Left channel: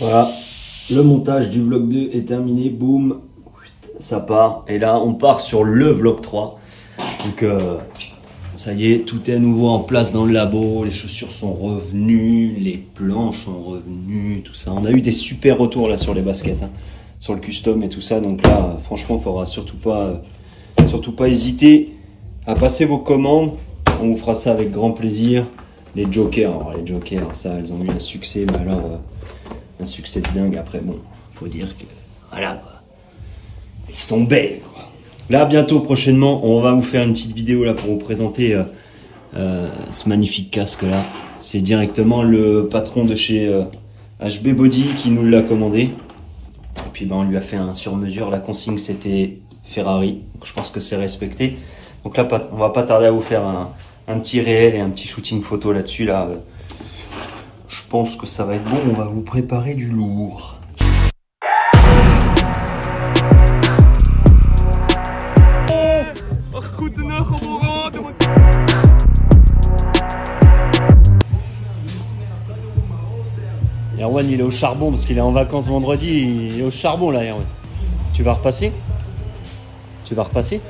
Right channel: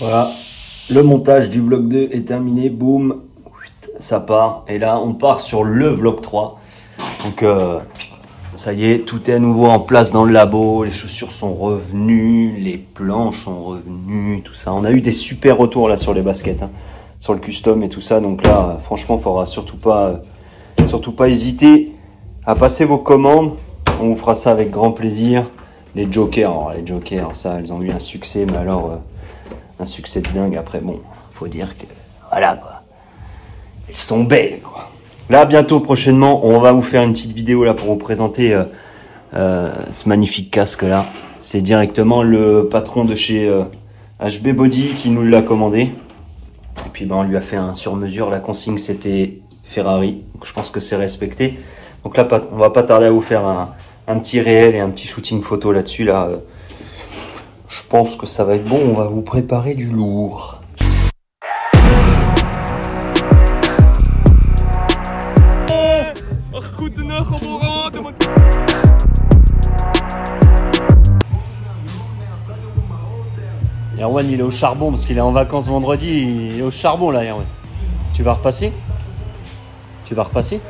Voilà, le montage du vlog 2 est terminé, boum, ça part. Et là, on part sur le vlog 3. Donc, ça y est, tout est à nouveau en place dans le labo. Les chaussures sont revenues, les planches sont revenues, tout ça. On a eu des super retours là sur les baskets, hein, sur le custom et tout ça. Donc là, franchement, il ne faudra surtout pas hésiter à passer vos commandes. On vous fera ça avec grand plaisir. Les jokers, alors, les jokers, ça, elles ont eu un succès, mais alors un succès de dingue. Après, bon, faut dire que voilà, quoi. Elles sont belles, quoi. Là, bientôt, prochainement, on va vous faire une petite vidéo là pour vous présenter ce magnifique casque là. C'est directement le patron de chez HB Body qui nous l'a commandé. Et puis ben, on lui a fait un sur-mesure. La consigne c'était Ferrari. Donc, je pense que c'est respecté. Donc là, on va pas tarder à vous faire un petit réel et un petit shooting photo là-dessus. Là, je pense que ça va être bon. On va vous préparer du lourd. Erwan il est au charbon parce qu'il est en vacances vendredi, il est au charbon là Erwan. Tu vas repasser? Tu vas repasser?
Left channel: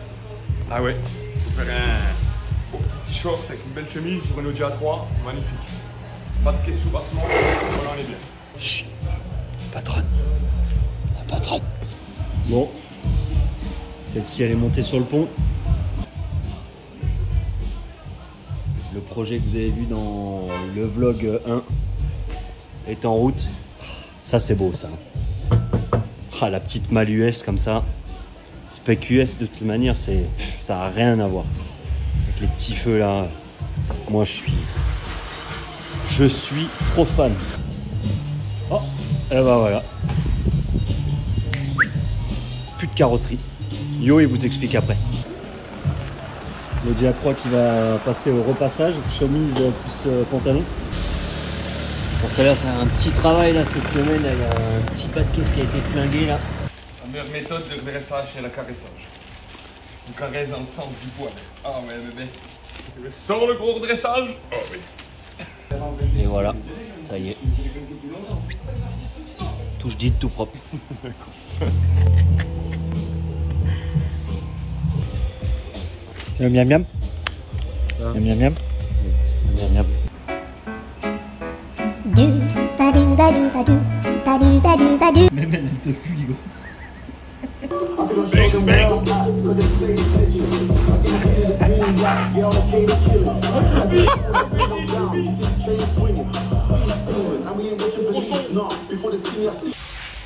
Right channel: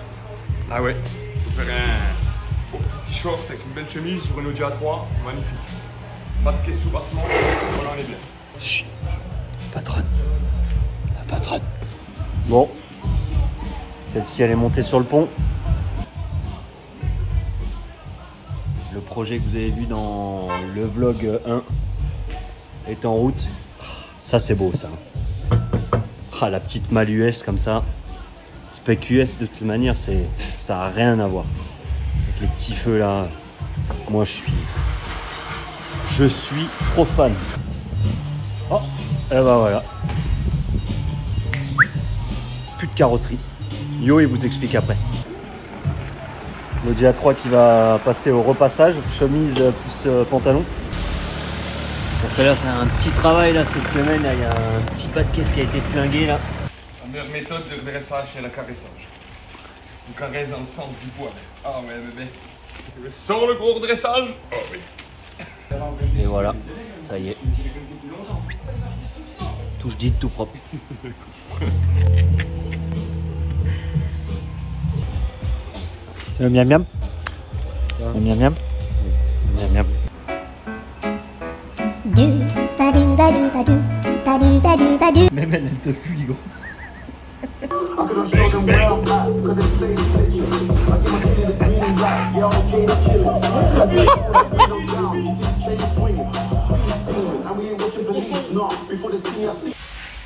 Ah ouais, je vais faire un beau petit t-shirt avec une belle chemise sur une Audi A3, magnifique. Pas de caisse sous bassement, voilà on est bien. Chut, patronne, la patronne. Bon, celle-ci elle est montée sur le pont. Le projet que vous avez vu dans le vlog 1 est en route. Ça c'est beau ça. Ah, la petite malle US comme ça. Spec US de toute manière ça n'a rien à voir. Avec les petits feux là. Moi je suis trop fan. Oh, et ben voilà. Plus de carrosserie. Yo il vous explique après. L'Audi A3 qui va passer au repassage, chemise plus pantalon. Bon, celle-là, c'est un petit travail là cette semaine. Là, il y a un petit pas de caisse qui a été flingué là. La meilleure méthode de redressage, c'est le caressage. On caresse dans le centre du poil. Ah ouais bébé. Tu veux sans le gros redressage? Oh oui. Et voilà, ça y est. Touche dite, tout propre. Miam miam. Miam miam miam. Miam miam. Même elle te fuit, gros.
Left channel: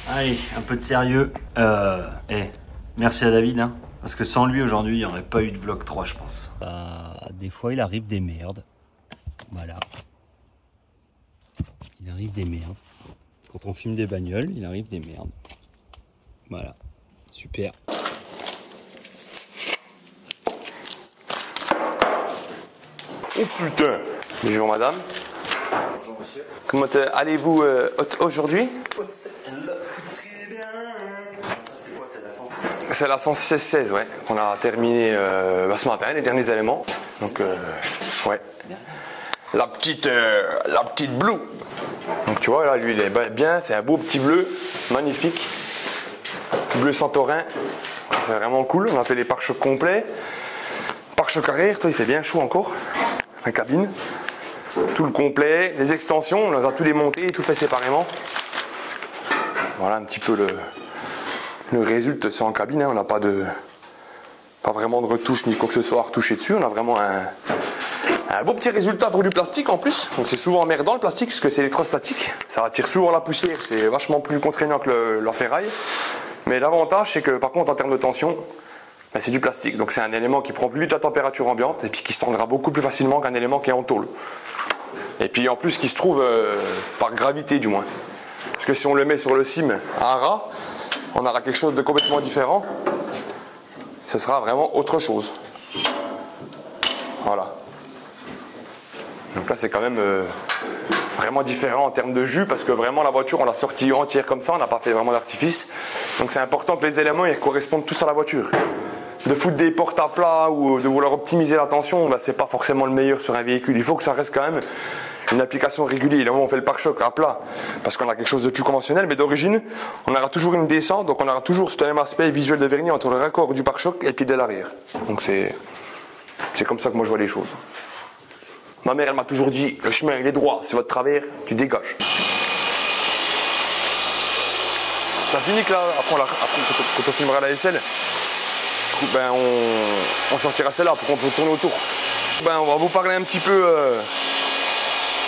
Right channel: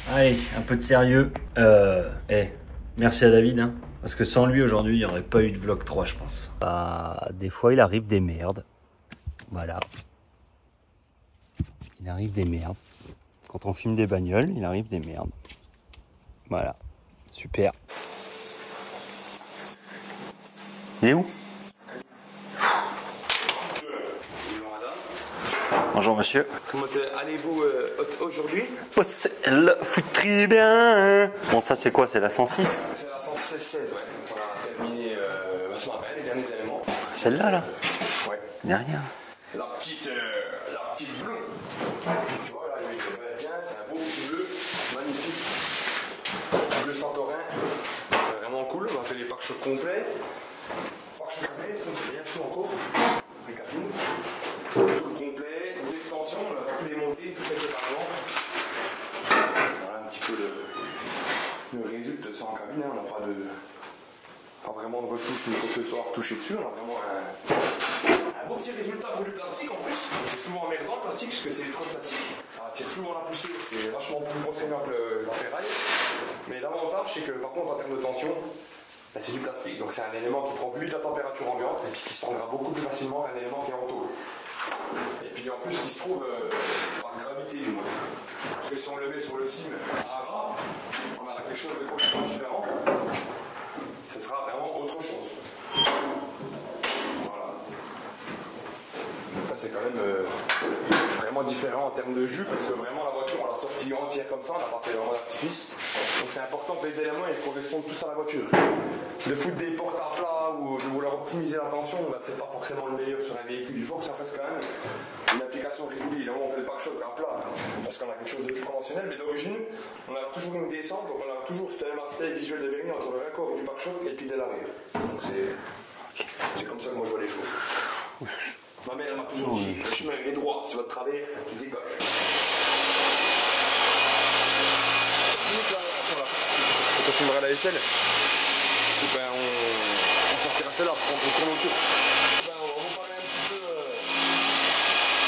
Allez, un peu de sérieux. Merci à David, hein, parce que sans lui aujourd'hui, il n'y aurait pas eu de vlog 3, je pense. Des fois, il arrive des merdes. Voilà. Il arrive des merdes. Quand on filme des bagnoles, il arrive des merdes. Voilà. Super. Il est où? Oh putain. Bonjour madame. Bonjour monsieur. Comment allez-vous aujourd'hui? Oh, elle fout très bien. Bon, ça c'est quoi? C'est la 106? C'est la 116, ouais. On a terminé ce matin les derniers éléments. Celle-là là. Ouais. Dernière. La petite Blue. Donc tu vois là, lui il est bien, c'est un beau petit bleu, magnifique. Bleu Santorin. C'est vraiment cool. On a fait les pare-chocs complets. Pare-chocs arrière, toi il fait bien chaud encore. La cabine. Tout le complet, les extensions, on les a tous démontés, tout fait séparément. Voilà un petit peu le résultat, c'est en cabine, hein. On n'a pas vraiment de retouche ni quoi que ce soit à retoucher dessus. On a vraiment un beau petit résultat pour du plastique en plus. Donc c'est souvent emmerdant le plastique parce que c'est électrostatique. Ça attire souvent la poussière, c'est vachement plus contraignant que la ferraille. Mais l'avantage c'est que par contre en termes de tension, ben, c'est du plastique. Donc c'est un élément qui prend plus vite la température ambiante et puis qui se tendra beaucoup plus facilement qu'un élément qui est en tôle. Et puis en plus qui se trouve par gravité du moins. Parce que si on le met sur le cime à ras, on aura quelque chose de complètement différent. Ce sera vraiment autre chose. Voilà. Donc là c'est quand même vraiment différent en termes de jus parce que vraiment la voiture on l'a sortie entière comme ça, on n'a pas fait vraiment d'artifice. Donc c'est important que les éléments ils correspondent tous à la voiture. De foutre des portes à plat ou de vouloir optimiser la tension, bah, c'est pas forcément le meilleur sur un véhicule. Il faut que ça reste quand même une application régulière. Là, on fait le pare-choc à plat parce qu'on a quelque chose de plus conventionnel, mais d'origine, on aura toujours une descente, donc on aura toujours ce même aspect visuel de vernis entre le raccord du pare-choc et puis de l'arrière. Donc c'est comme ça que moi je vois les choses. Ma mère, elle m'a toujours dit, le chemin il est droit, c'est votre travers, tu dégages. Ça finit que là, après quand on filmera la vaisselle, ben on sortira celle-là pour qu'on tourne autour. Ben, on va vous parler un petit peu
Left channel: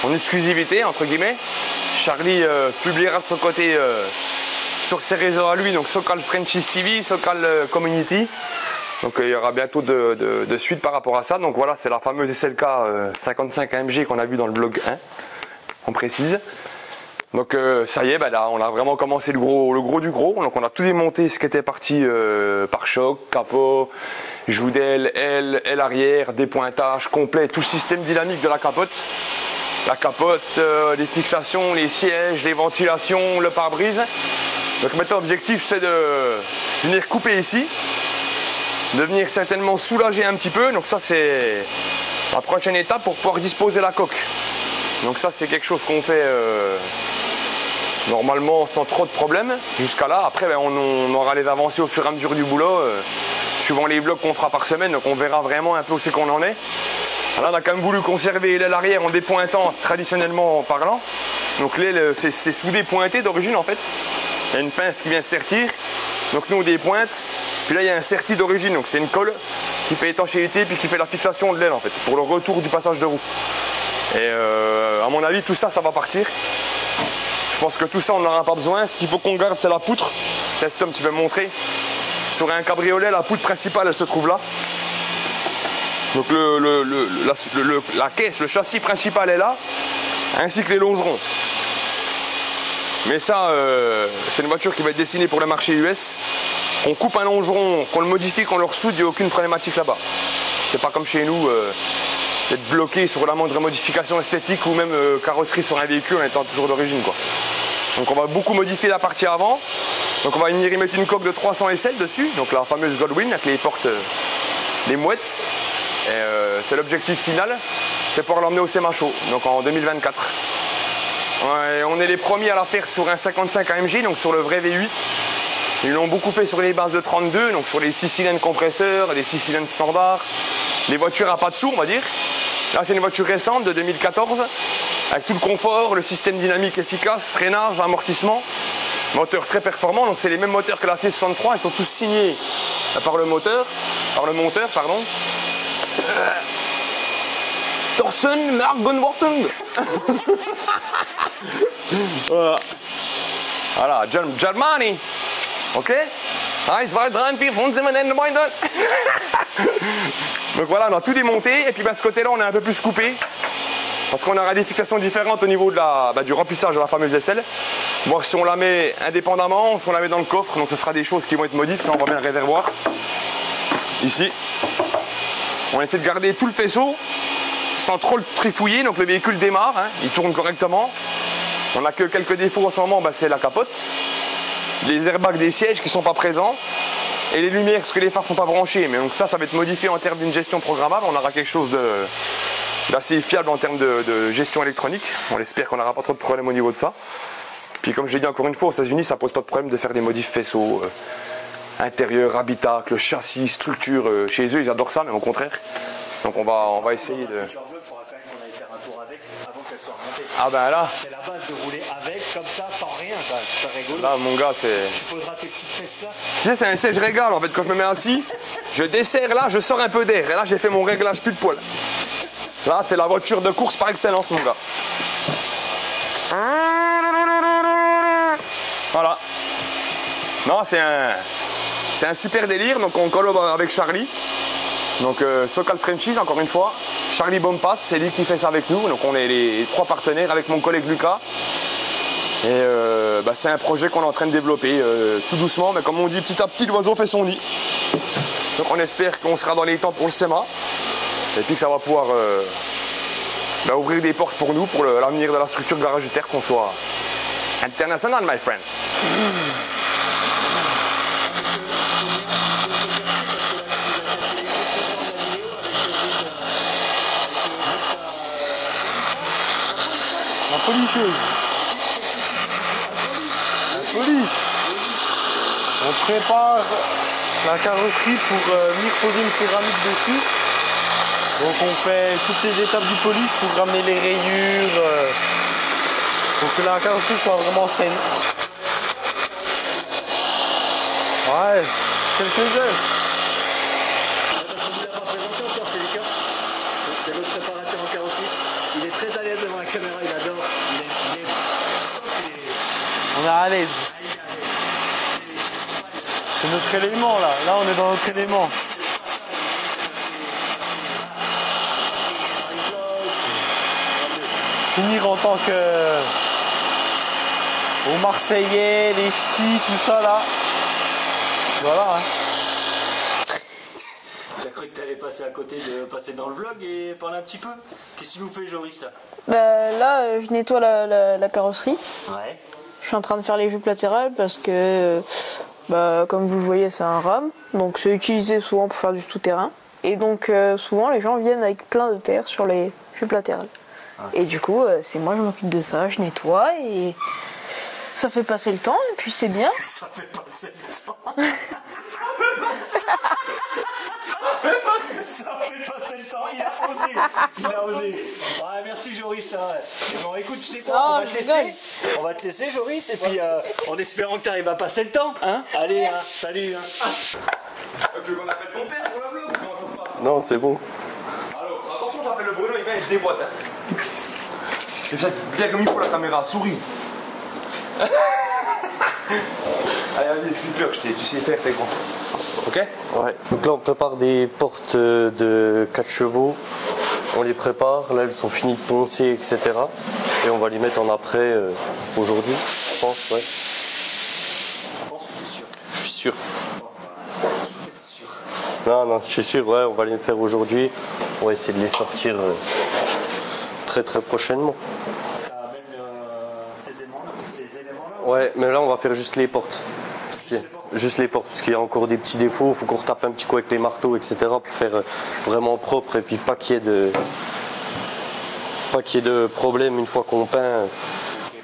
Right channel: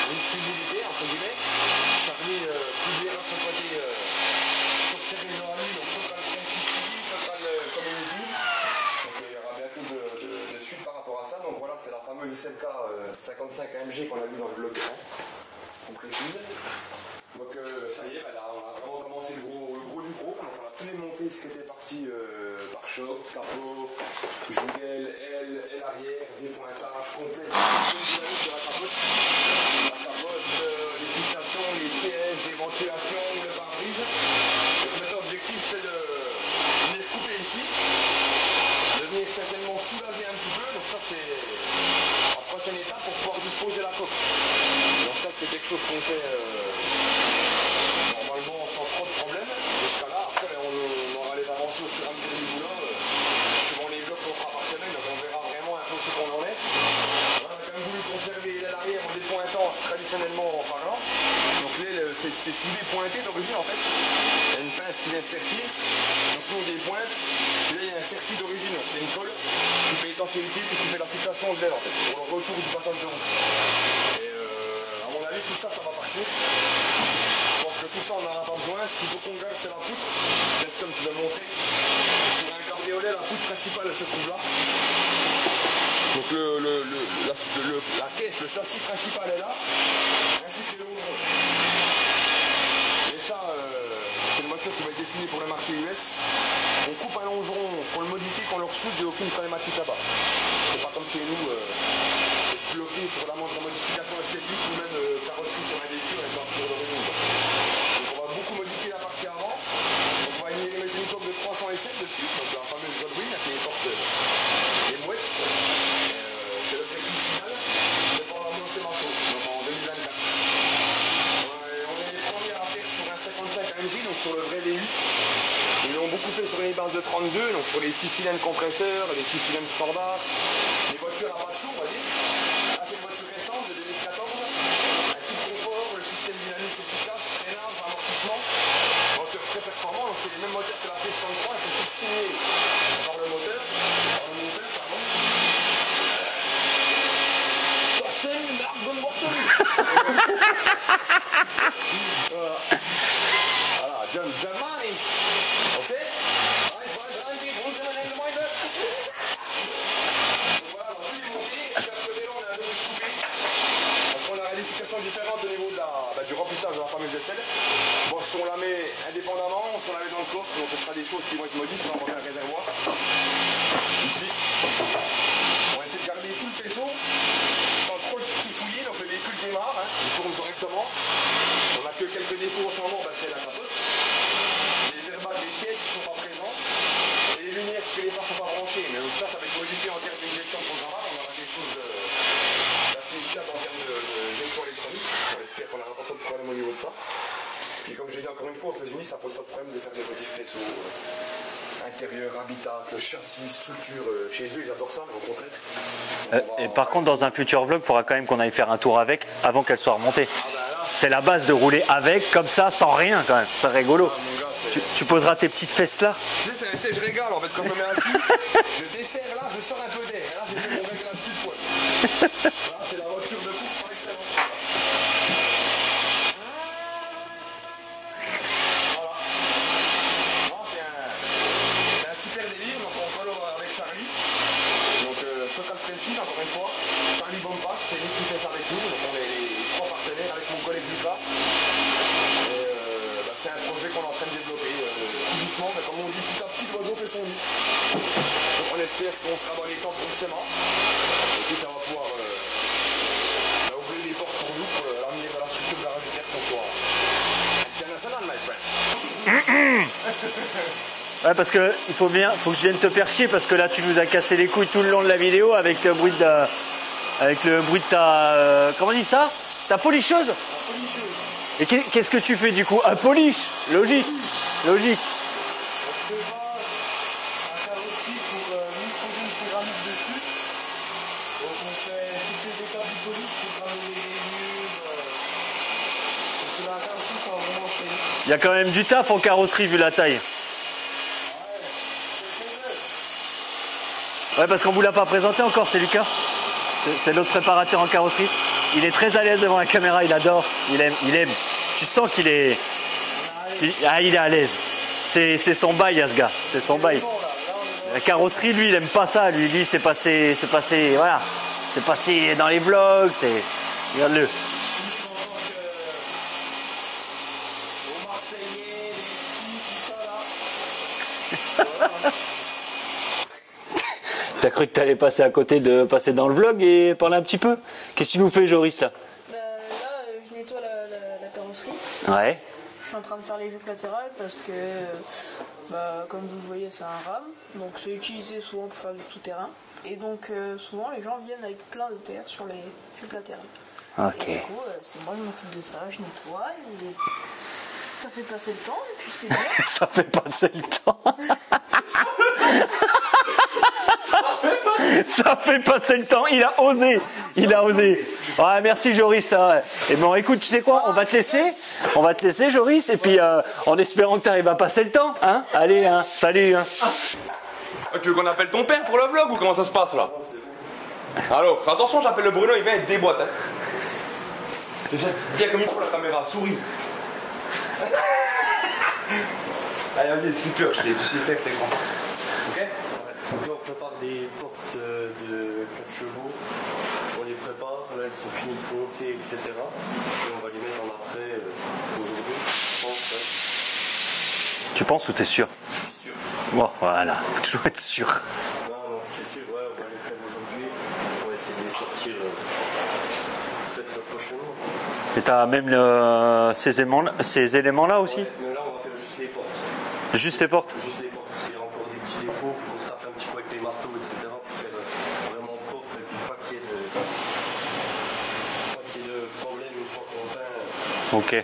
en exclusivité, entre guillemets. Charlie publiera de son côté sur ses réseaux à lui, donc Sokal Franchise TV, Sokal Community. Donc il y aura bientôt de suite par rapport à ça. Donc voilà, c'est la fameuse SLK 55 AMG qu'on a vu dans le vlog 1, on précise. Donc ça y est, ben là on a vraiment commencé le gros du gros. Donc on a tout démonté ce qui était parti pare-choc, capot, joue d'aile, aile arrière, dépointage complet, tout le système dynamique de la capote. La capote, les fixations, les sièges, les ventilations, le pare-brise. Donc maintenant l'objectif c'est de venir couper ici, de venir certainement soulager un petit peu. Donc ça c'est la prochaine étape pour pouvoir disposer la coque. Donc ça c'est quelque chose qu'on fait normalement sans trop de problèmes jusqu'à là. Après ben, on aura les avancées au fur et à mesure du boulot, suivant les vlogs qu'on fera par semaine, donc on verra vraiment un peu où c'est qu'on en est. Là on a quand même voulu conserver l'aile arrière en dépointant traditionnellement parlant. Donc l'aile c'est soudé pointé d'origine en fait. Il y a une pince qui vient sertir, donc nous on dépointe. Puis là il y a un serti d'origine, donc c'est une colle qui fait étanchéité puis qui fait la fixation de l'aile en fait, pour le retour du passage de roue. Et à mon avis tout ça va partir. Je pense que tout ça on n'en aura pas besoin. Ce qu'il faut qu'on garde c'est la poutre. Test un petit peu montrer. Sur un cabriolet la poutre principale elle se trouve là. Donc la caisse, le châssis principal est là, ainsi que les longerons. Mais ça c'est une voiture qui va être destinée pour le marché US. On coupe un longeron, qu'on le modifie, qu'on le ressoude, il n'y a aucune problématique là-bas. C'est pas comme chez nous d'être bloqué sur la moindre modification esthétique ou même carrosserie sur un véhicule en étant toujours d'origine quoi. Donc on va beaucoup modifier la partie avant. Donc on va venir y mettre une coque de 300 SL dessus, donc la fameuse Goldwing avec les portes, les mouettes. C'est l'objectif final, c'est pouvoir l'emmener au Semacho, donc en 2024. Ouais, on est les premiers à la faire sur un 55 AMG, donc sur le vrai V8. Ils l'ont beaucoup fait sur les bases de 32, donc sur les 6 cylindres compresseurs, les 6 cylindres standards, les voitures à pas de sous on va dire. Là c'est une voiture récente de 2014, avec tout le confort, le système dynamique efficace, freinage, amortissement, moteur très performant, donc c'est les mêmes moteurs que la C63, ils sont tous signés par le monteur, pardon. Thorsen Mark Bonworten. Voilà, Germany. Ok. Donc voilà, on a tout démonté et puis de ce côté-là, on est un peu plus coupé parce qu'on aura des fixations différentes au niveau de du remplissage de la fameuse aisselle. Voir si on la met indépendamment ou si on la met dans le coffre. Donc ce sera des choses qui vont être modifiées. On voit bien le réservoir ici. On essaie de garder tout le faisceau sans trop le trifouiller. Donc le véhicule démarre, hein, il tourne correctement. On n'a que quelques défauts en ce moment, c'est la capote, les airbags des sièges qui ne sont pas présents et les lumières parce que les phares ne sont pas branchés. Mais donc ça va être modifié en termes d'une gestion programmable. On aura quelque chose d'assez fiable en termes de gestion électronique. On espère qu'on n'aura pas trop de problèmes au niveau de ça. Puis comme j'ai dit encore une fois, aux États-Unis, ça pose pas de problème de faire des modifs faisceaux, intérieur, habitacle, châssis, structure. Chez eux, ils adorent ça, mais au contraire. Donc par contre, dans un futur vlog, il faudra quand même qu'on aille faire un tour avec avant qu'elle soit remontée. Ah ben là, c'est la base de rouler avec, comme ça, sans rien quand même. C'est rigolo. Ah mon gars, c'est. Tu poseras tes petites fesses là. Tu sais, c'est un siège régal en fait. Quand je me mets assis, je desserre là, je sors un peu d'air. Et là, j'ai fait mon réglage plus de poil. Là, c'est la voiture de course par excellence, mon gars. Voilà. Non, c'est un super délire. Donc on collabore avec Charlie. Donc Sokal Franchise, encore une fois, Charlie Bompas, c'est lui qui fait ça avec nous. Donc on est les 3 partenaires avec mon collègue Lucas. Et c'est un projet qu'on est en train de développer tout doucement, mais comme on dit, petit à petit l'oiseau fait son nid. Donc on espère qu'on sera dans les temps pour le SEMA. Et puis que ça va pouvoir ouvrir des portes pour nous, pour l'avenir de la structure garagitaire, qu'on soit international, my friend. Ouais, parce que faut que je vienne te faire chier parce que là tu nous as cassé les couilles tout le long de la vidéo avec le bruit avec le bruit de ta... comment on dit ça? Ta polisseuse? La polisseuse. Et qu'est-ce que tu fais du coup? À police. Logique. Logique. On prépare la carrosserie pour venir poser une céramique dessus. Donc on fait toutes les étapes du polish pour ramener les rayures, pour que la carrosserie soit vraiment saine. Il y a quand même du taf en carrosserie vu la taille. Ouais, quelques heures. Ouais, parce qu'on vous l'a pas présenté encore, c'est Lucas. C'est notre préparateur en carrosserie. Il est très à l'aise devant la caméra, il adore. Il aime. Tu sens qu'il est... On est à l'aise. Ah, il est à l'aise. C'est son bail à ce gars. C'est notre élément là. Là on est dans la notre carrosserie, élément. lui, il aime pas ça. Lui, c'est passé, voilà. C'est passé dans les blocs. Regarde-le. Finir en tant que... aux Marseillais, les ch'tis, tout ça là. Voilà. T'as cru que t'allais passer à côté de passer dans le vlog et parler un petit peu? Qu'est-ce que tu nous fais, Joris, là? Là, je nettoie la carrosserie. Ouais. Je suis en train de faire les jupes latérales parce que, comme vous le voyez, c'est un rame. Donc c'est utilisé souvent pour faire du tout-terrain. Et donc souvent, les gens viennent avec plein de terre sur les jupes latérales. Okay. Et du coup, c'est moi, je m'occupe de ça, je nettoie et ça fait passer le temps et puis c'est bien. Ça fait passer le temps. Ça fait passer le temps. Il a osé. Ouais, merci Joris. Et bon, écoute, tu sais quoi, on va te laisser. On va te laisser, Joris. Et puis, en espérant que tu arrives à passer le temps. Hein, allez, hein, salut. Hein. Tu veux qu'on appelle ton père pour le vlog ou comment ça se passe là? Non, c'est bon. Alors, attention, j'appelle le Bruno, il vient et je déboîte. Hein. Déjà, bien comme il faut la caméra, souris. Allez, vas-y, skipper, tu sais faire, t'es grand. Ok? Ouais. Donc là, on prépare des portes de 4 chevaux. On les prépare. Là, elles sont finies de poncer, etc. Et on va les mettre en après aujourd'hui, je pense. Ouais. Tu penses ou t'es sûr? Je suis sûr. Bon, voilà, faut toujours être sûr. Non, je suis sûr. Ouais, on va les faire aujourd'hui. On va essayer de les sortir très prochainement. Et t'as même ces éléments-là aussi? Ouais, mais là, on va faire juste les portes. Juste les portes? Juste les portes, parce qu'il y a encore des petits défauts. Il faut qu'on retape un petit coup avec les marteaux, etc. pour faire vraiment propre et puis pas qu'il y ait de problème une fois qu'on peint. Ok.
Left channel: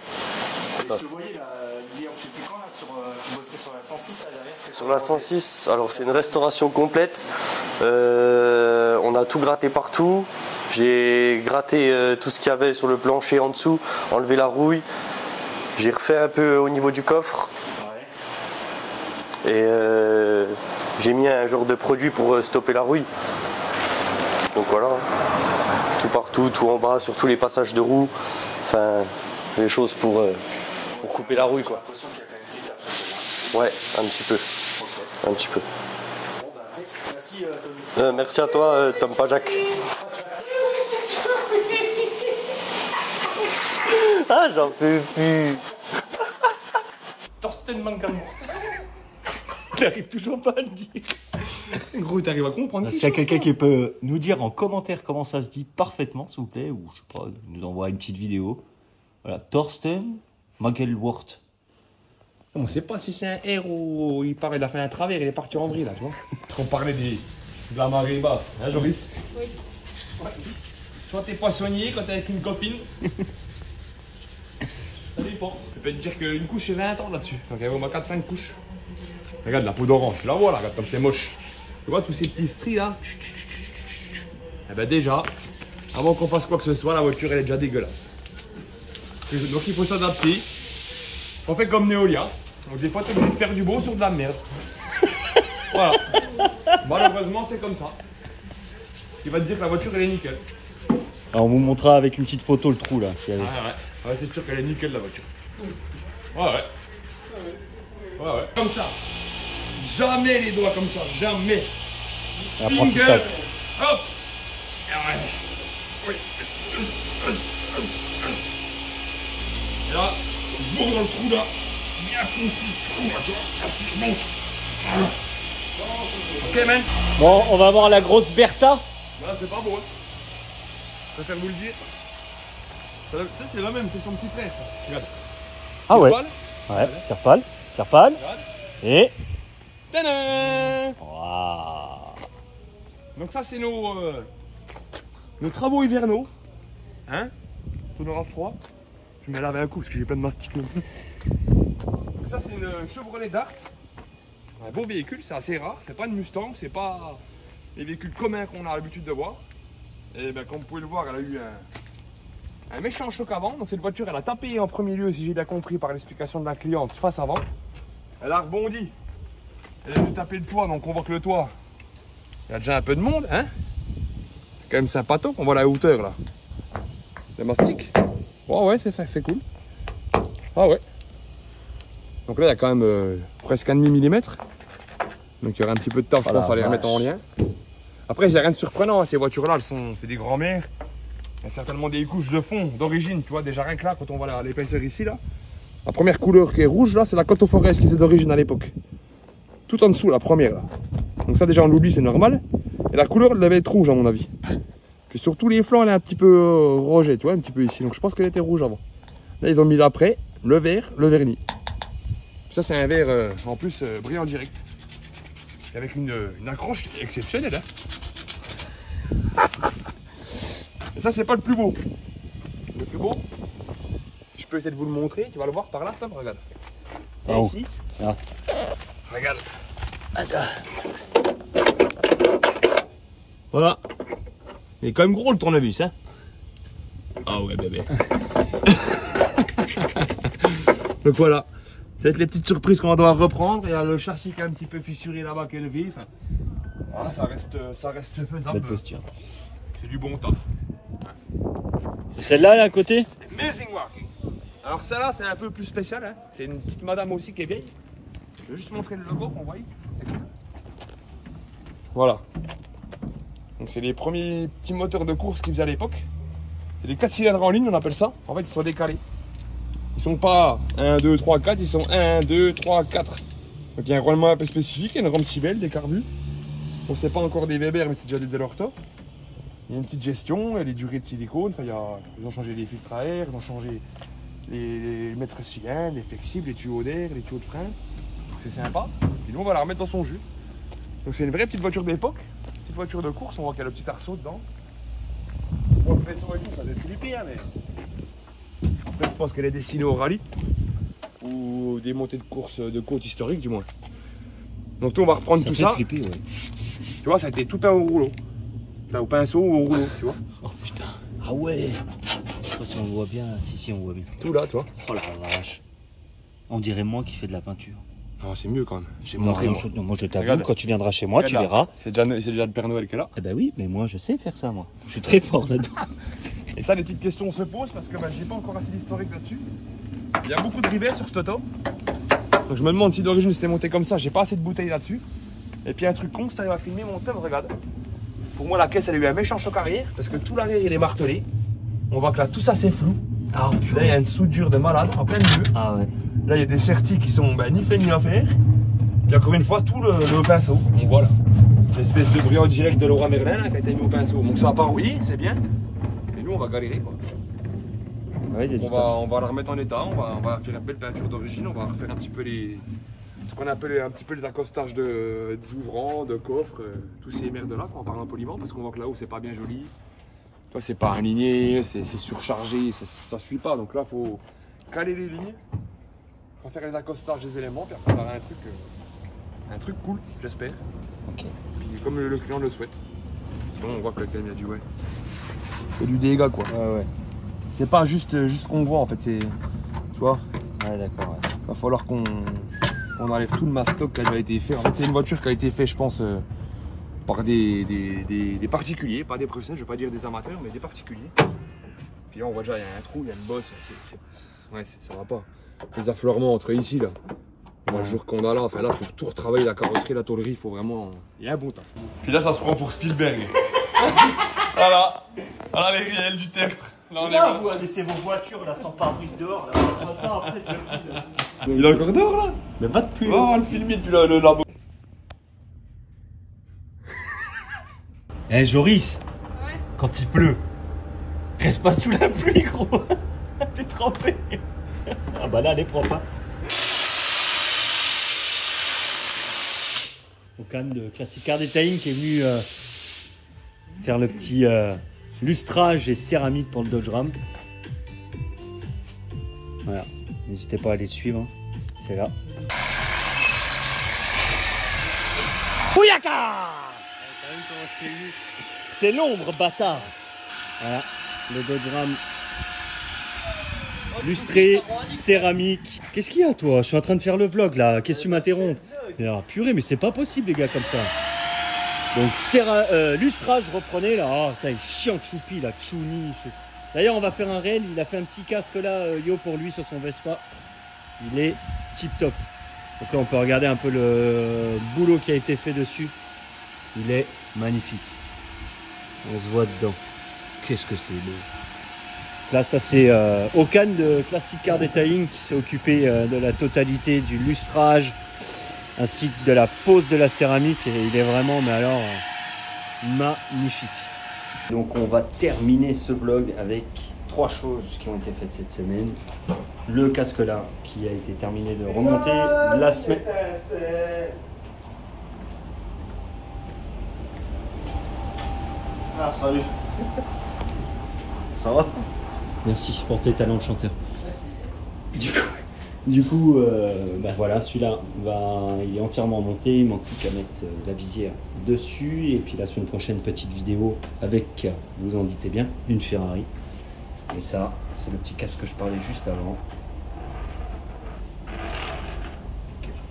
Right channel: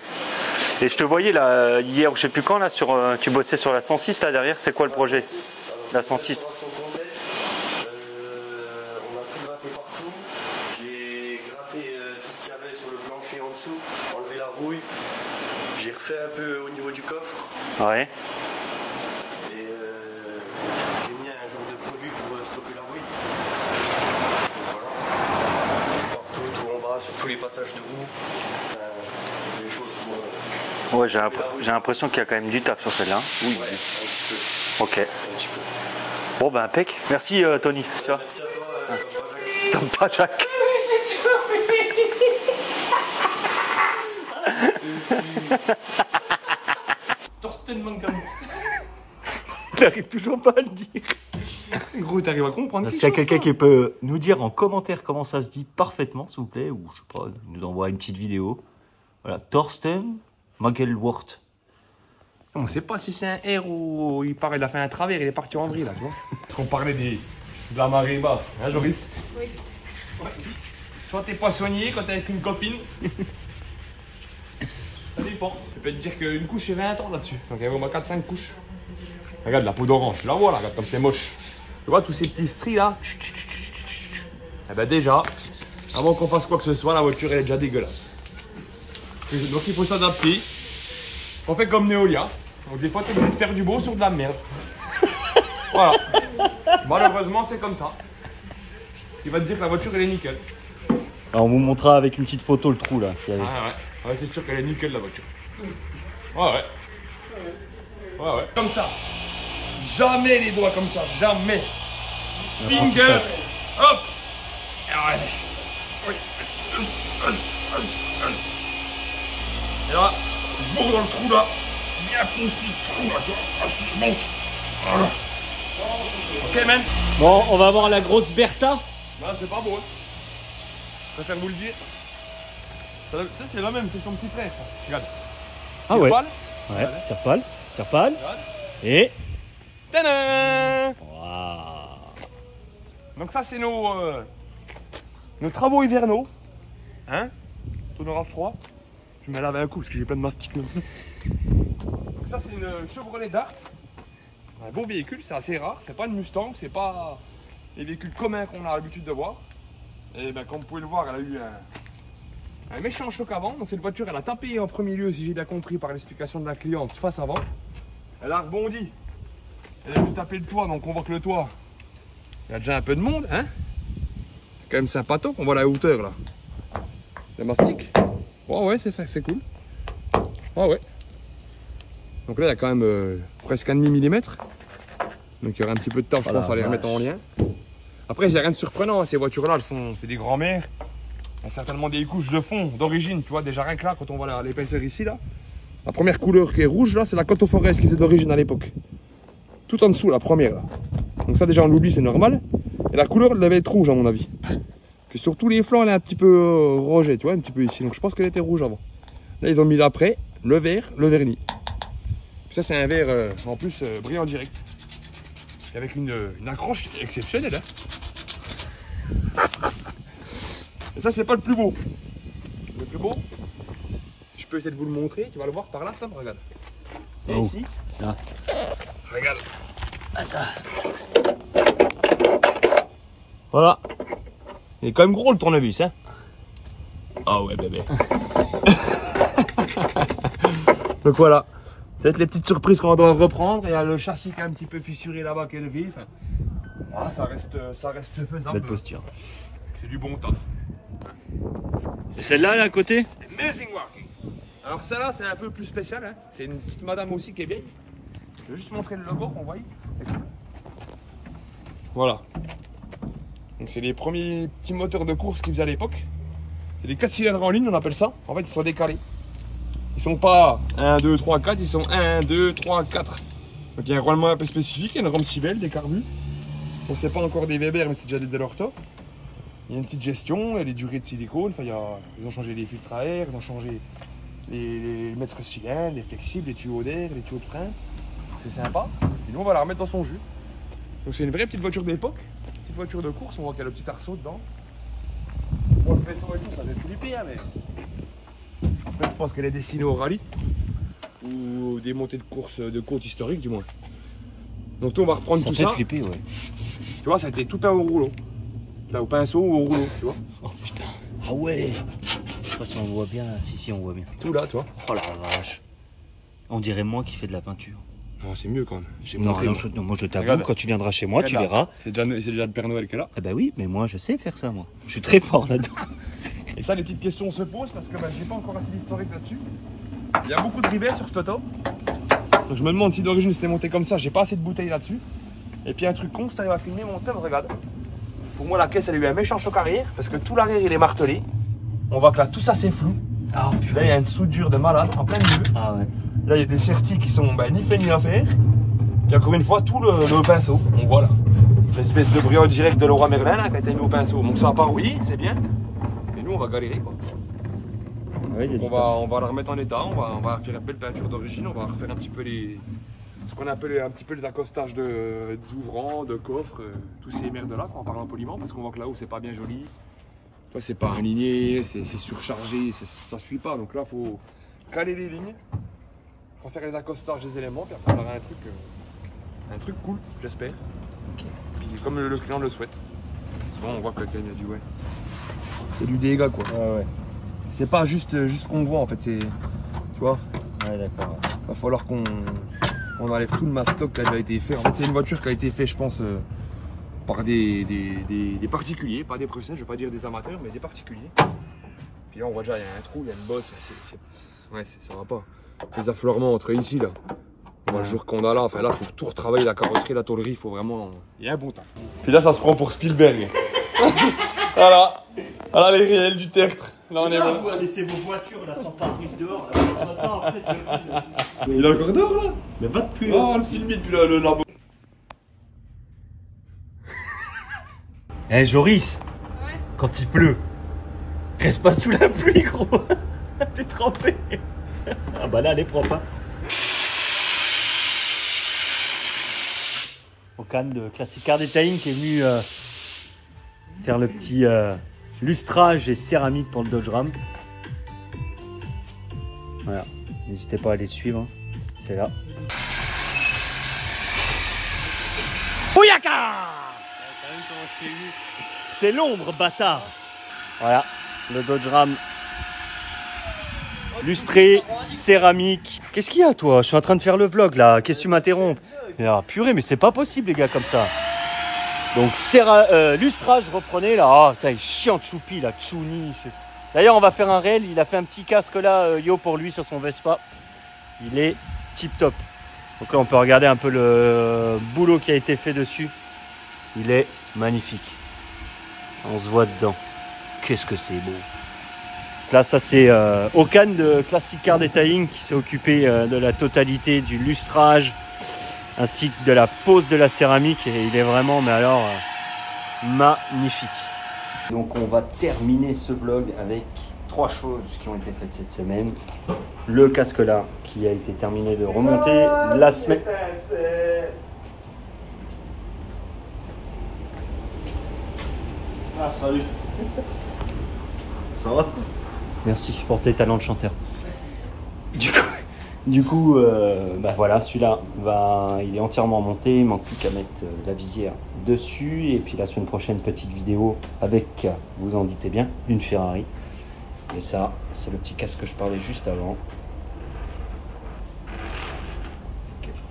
Et je te voyais là hier, je sais plus quand, là, tu bossais sur la 106 là derrière, c'est quoi le projet? 106, alors c'est une 106. restauration complète. On a tout gratté partout. J'ai gratté tout ce qu'il y avait sur le plancher en dessous, enlevé la rouille. J'ai refait un peu au niveau du coffre. Ouais. Et j'ai mis un genre de produit pour stopper la rouille. Donc voilà. Tout partout, tout en bas, sur tous les passages de roues. Enfin, les choses pour Ouais, stopper la rouille. j'ai l'impression qu'il y a quand même du taf sur celle-là. Ouais, un petit peu. Ok. Un petit peu. Bon ben impec. Merci Tony. Merci à toi, Tom Pajak. Tom Pajak. Ah, j'en peux plus. Torsten Mangamort. Il n'arrive toujours pas à le dire. Gros, t'arrives à comprendre. S'il y a quelqu'un qui peut nous dire en commentaire comment ça se dit parfaitement, s'il vous plaît, ou je sais pas, il nous envoie une petite vidéo. Voilà, Torsten Mangelwort. On sait pas si c'est un R ou il paraît, il a fait un travers, il est parti en vrille là, tu vois. On parlait de la marée basse, hein Joris? Oui. Ouais. Soit t'es poissonnier quand t'es avec une copine. Ça dépend. Je peux te dire qu'une couche c'est 20 ans là-dessus. Donc il y a au moins 4-5 couches. Regarde la peau d'orange, tu la vois là, regarde comme c'est moche. Tu vois tous ces petits stries là? Eh ben déjà, avant qu'on fasse quoi que ce soit, la voiture elle est déjà dégueulasse. Donc il faut s'adapter. On fait comme Neolia. Donc des fois, tu es obligé de faire du beau sur de la merde. Voilà. Malheureusement, c'est comme ça. Il va te dire que la voiture, elle est nickel. Alors, on vous montrera avec une petite photo le trou là. Ouais, c'est sûr qu'elle est nickel, la voiture. Ouais. Comme ça. Jamais les doigts comme ça. Jamais. Finger. Hop. Et là, bon dans le trou là. Bien concis le trou là, tu vois. Voilà. Ok, man. Bon, on va voir la grosse Bertha. Bah, c'est pas beau. Hein. Je préfère vous le dire. C'est la même, c'est son petit frère. Regarde. Ah ouais. Poil. Ouais, serre-pâle. Serre-pâle. Regarde. Et. Tadam. Waouh. Donc, ça, c'est nos nos travaux hivernaux. Hein? On aura froid. Je vais me laver un coup parce que j'ai plein de mastic non plus. Donc ça c'est une Chevrolet Dart. Un beau véhicule, c'est assez rare. C'est pas une Mustang, c'est pas les véhicules communs qu'on a l'habitude de voir. Et ben comme vous pouvez le voir, elle a eu un méchant choc avant. Donc cette voiture, elle a tapé en premier lieu, si j'ai bien compris par l'explication de la cliente, face avant. Elle a rebondi. Elle a dû taper le toit, donc on voit que le toit, il y a déjà un peu de monde, hein. C'est quand même sympathique, on voit la hauteur là. Le mastic. Oh ouais, c'est ça, c'est cool. Ah ouais. Donc là, il y a quand même presque 1,5 mm. Donc il y aura un petit peu de taf, je pense, à les remettre en lien. Après, il n'y a rien de surprenant, hein. Ces voitures-là, c'est des grands-mères. Il y a certainement des couches de fond d'origine, tu vois, déjà rien que là, quand on voit l'épaisseur ici, là. La première couleur qui est rouge, là, c'est la Coto Forest qui était d'origine à l'époque. Tout en dessous, la première, là. Donc ça, déjà, on l'oublie, c'est normal. Et la couleur, elle devait être rouge, à mon avis. Que sur tous les flancs, elle est un petit peu rogée, tu vois, un petit peu ici. Donc je pense qu'elle était rouge avant. Là, ils ont mis l'après, le vert, le vernis. Ça, c'est un verre, en plus, brillant direct. Et avec une accroche exceptionnelle, hein. Et ça, c'est pas le plus beau. Le plus beau, je peux essayer de vous le montrer. Tu vas le voir par là, Tom, regarde. Et ici, regarde. Voilà. Il est quand même gros le tournevis, hein. Ah ouais, bébé. Donc voilà. Ça va être les petites surprises qu'on va devoir reprendre. Il y a le châssis qui est un petit peu fissuré là-bas qui est levé. Enfin, voilà, ça reste faisable. Belle posture. C'est du bon taf. Et celle-là, là, à côté? Amazing Working. Alors celle-là, c'est un peu plus spécial, hein. C'est une petite madame aussi qui est vieille. Je vais juste montrer le logo qu'on voit. C'est cool. Voilà. Donc c'est les premiers petits moteurs de course qu'ils faisaient à l'époque. C'est les 4 cylindres en ligne, on appelle ça. En fait, ils sont décalés. Ils sont pas 1, 2, 3, 4, ils sont 1, 2, 3, 4. Donc il y a un roulement un peu spécifique, il y a une rome cibelle, des carbus. Donc c'est pas encore des Weber, mais c'est déjà des Delorto. Il y a une petite gestion, il y a les durées de silicone. Enfin, ils ont changé les filtres à air, ils ont changé les mètres cylindres, les flexibles, les tuyaux d'air, les tuyaux de frein. C'est sympa. Et nous, on va la remettre dans son jus. Donc c'est une vraie petite voiture d'époque, petite voiture de course. On voit qu'il y a le petit arceau dedans. Bon, le faisceau et tout, ça fait flipper, hein, mais après, je pense qu'elle est destinée au rallye ou des montées de course de côte historiques, du moins. Donc, nous, on va reprendre tout ça. Ça fait flipper, ouais. Tu vois, ça a été tout un au rouleau. Là, au pinceau ou au rouleau, tu vois. Oh putain. Ah ouais. Je sais pas si on le voit bien là. Si, on voit bien. Tout là, toi. Oh la vache. On dirait moi qui fais de la peinture. Non, c'est mieux quand même. Moi je t'avoue, Regarde. quand tu viendras chez moi, tu Là. verras. C'est déjà le Père Noël qui est là. Eh ben oui, mais moi je sais faire ça, moi. Je suis très fort là-dedans. Et ça, les petites questions se posent parce que j'ai pas encore assez d'historique là-dessus. Il y a beaucoup de rivets sur cette auto. Donc je me demande si d'origine c'était monté comme ça. J'ai pas assez de bouteilles là-dessus. Et puis un truc con, ça va filmer mon thème, regarde. Pour moi, la caisse, elle a eu un méchant choc arrière parce que tout l'arrière, il est martelé. On voit que là, tout ça, c'est flou. Ah, Là, il y a une soudure de malade en plein milieu. Ah ouais. Là, il y a des sertis qui sont ni fait ni à faire. Puis encore une fois, tout le pinceau. On voit là. Une espèce de brillant direct de Leroy Merlin là, qui a été mis au pinceau. Donc ça va pas rouiller, c'est bien. Mais nous, on va galérer quoi. Ouais, On va la remettre en état. On va faire une belle peinture d'origine. On va refaire un petit peu ce qu'on appelle un petit peu les accostages d'ouvrants, de coffres, tous ces merdes là, en parlant poliment, parce qu'on voit que là-haut c'est pas bien joli. Toi, c'est pas aligné, c'est surchargé, ça suit pas. Donc là, faut caler les lignes, faut faire les accostages des éléments, puis après on aura un truc cool, j'espère. Ok. Puis comme le client le souhaite. Sinon, on voit que le client a du c'est du dégât quoi. Ouais, ouais. C'est pas juste ce qu'on voit en fait, c'est, tu vois. Ouais, d'accord. Ouais. Va falloir qu'on enlève tout le mastoc qui a déjà été fait. En fait, c'est une voiture qui a été faite, je pense, par des particuliers, pas des professionnels, je ne vais pas dire des amateurs, mais des particuliers. Puis là, on voit déjà, il y a un trou, il y a une bosse, ouais, ça va pas. Les affleurements entre ici, là. Moi, le jour qu'on a là, enfin là, il faut tout retravailler, la carrosserie, la tôlerie, il faut vraiment. Il y a un bon taf. Puis là, ça se prend pour Spielberg. Voilà. Voilà les réels du tertre. Là, on est là, vous laissez vos voitures là sans pare-brise dehors. Là, ce matin, après, Il est encore dehors là. mais va de plus. On va le filmer depuis le labo. Eh Joris, Ouais. quand il pleut, reste pas sous la pluie, gros. T'es trempé. Ah bah là, elle est propre. Hein. Au canne de Classic Car Detailing qui est venu faire le petit lustrage et céramique pour le Dodge Ram. Voilà, n'hésitez pas à aller le suivre, c'est là. Bouyaka! C'est l'ombre, bâtard. Voilà, le Dodge Ram lustré, céramique. Qu'est-ce qu'il y a, toi? Je suis en train de faire le vlog, là. Qu'est-ce que tu m'interromps? Ah, purée, mais c'est pas possible, les gars, comme ça. Donc, lustrage, reprenez, là. Ah, putain, il est chiant, Choupi, là. Chouni. D'ailleurs, on va faire un réel. Il a fait un petit casque, là, Yo, pour lui, sur son Vespa. Il est tip-top. Donc là, on peut regarder un peu le boulot qui a été fait dessus. Il est magnifique. On se voit dedans. Qu'est-ce que c'est beau. Là, ça c'est Okan de Classic Car Detailing qui s'est occupé de la totalité du lustrage ainsi que de la pose de la céramique. Et il est vraiment, mais alors, magnifique. Donc on va terminer ce vlog avec 3 choses qui ont été faites cette semaine. Le casque là qui a été terminé de remonter la semaine. Ah salut. Ça va? Merci pour tes talents de chanteur. Du coup, bah voilà, celui-là, il est entièrement monté. Il manque plus qu'à mettre la visière dessus. Et puis la semaine prochaine, petite vidéo avec, vous en doutez bien, une Ferrari. Et ça, c'est le petit casque que je parlais juste avant.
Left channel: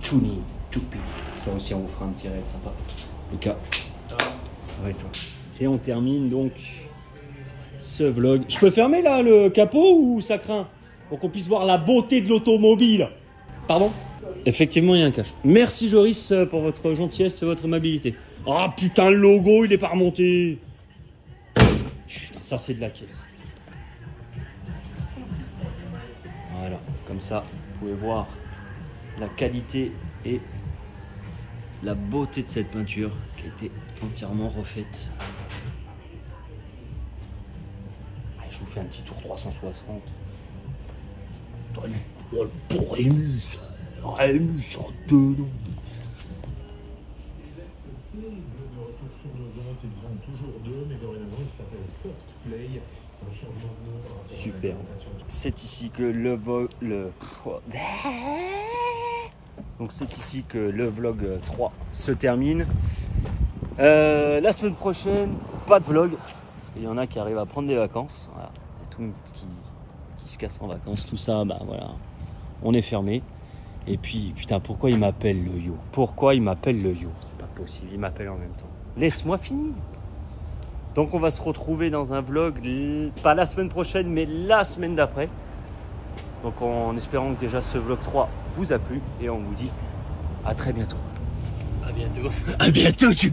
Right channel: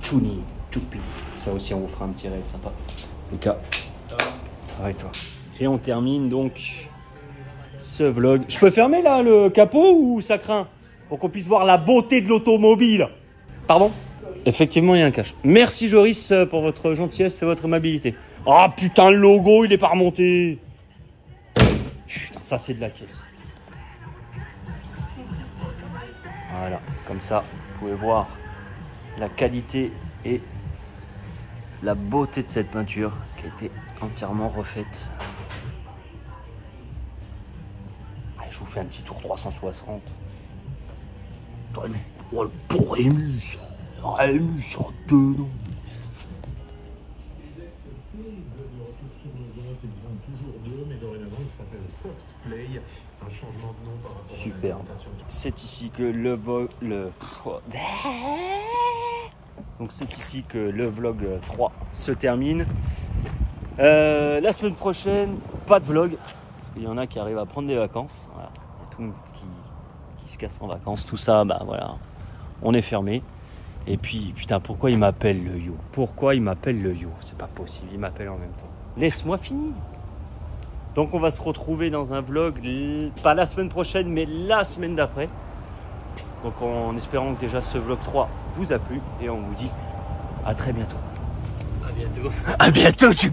Chouni, Choupi. Ça aussi, on vous fera un petit réel sympa. Lucas, arrête-toi. Et on termine donc ce vlog. Je peux fermer là le capot ou ça craint? Pour qu'on puisse voir la beauté de l'automobile. Pardon? Effectivement, il y a un cache. Merci Joris pour votre gentillesse et votre amabilité. Ah oh, putain, le logo, il est pas remonté. Putain, ça c'est de la caisse. Voilà, comme ça, vous pouvez voir la qualité et la beauté de cette peinture qui a été entièrement refaite. Je vous fais un petit tour 360. Pour Rémus, Rémus en dedans. Super. C'est ici que le Donc c'est ici que le vlog 3 se termine. La semaine prochaine, pas de vlog. Parce qu'il y en a qui arrivent à prendre des vacances. Voilà. Il y a tout le monde qui se casse en vacances. Tout ça, bah voilà. On est fermé. Et puis, putain, pourquoi il m'appelle le Yo? Pourquoi il m'appelle le Yo? C'est pas possible, il m'appelle en même temps. Laisse-moi finir. Donc on va se retrouver dans un vlog, pas la semaine prochaine, mais la semaine d'après. Donc en espérant que déjà ce vlog 3 vous a plu. Et on vous dit à très bientôt. À bientôt. À bientôt, tu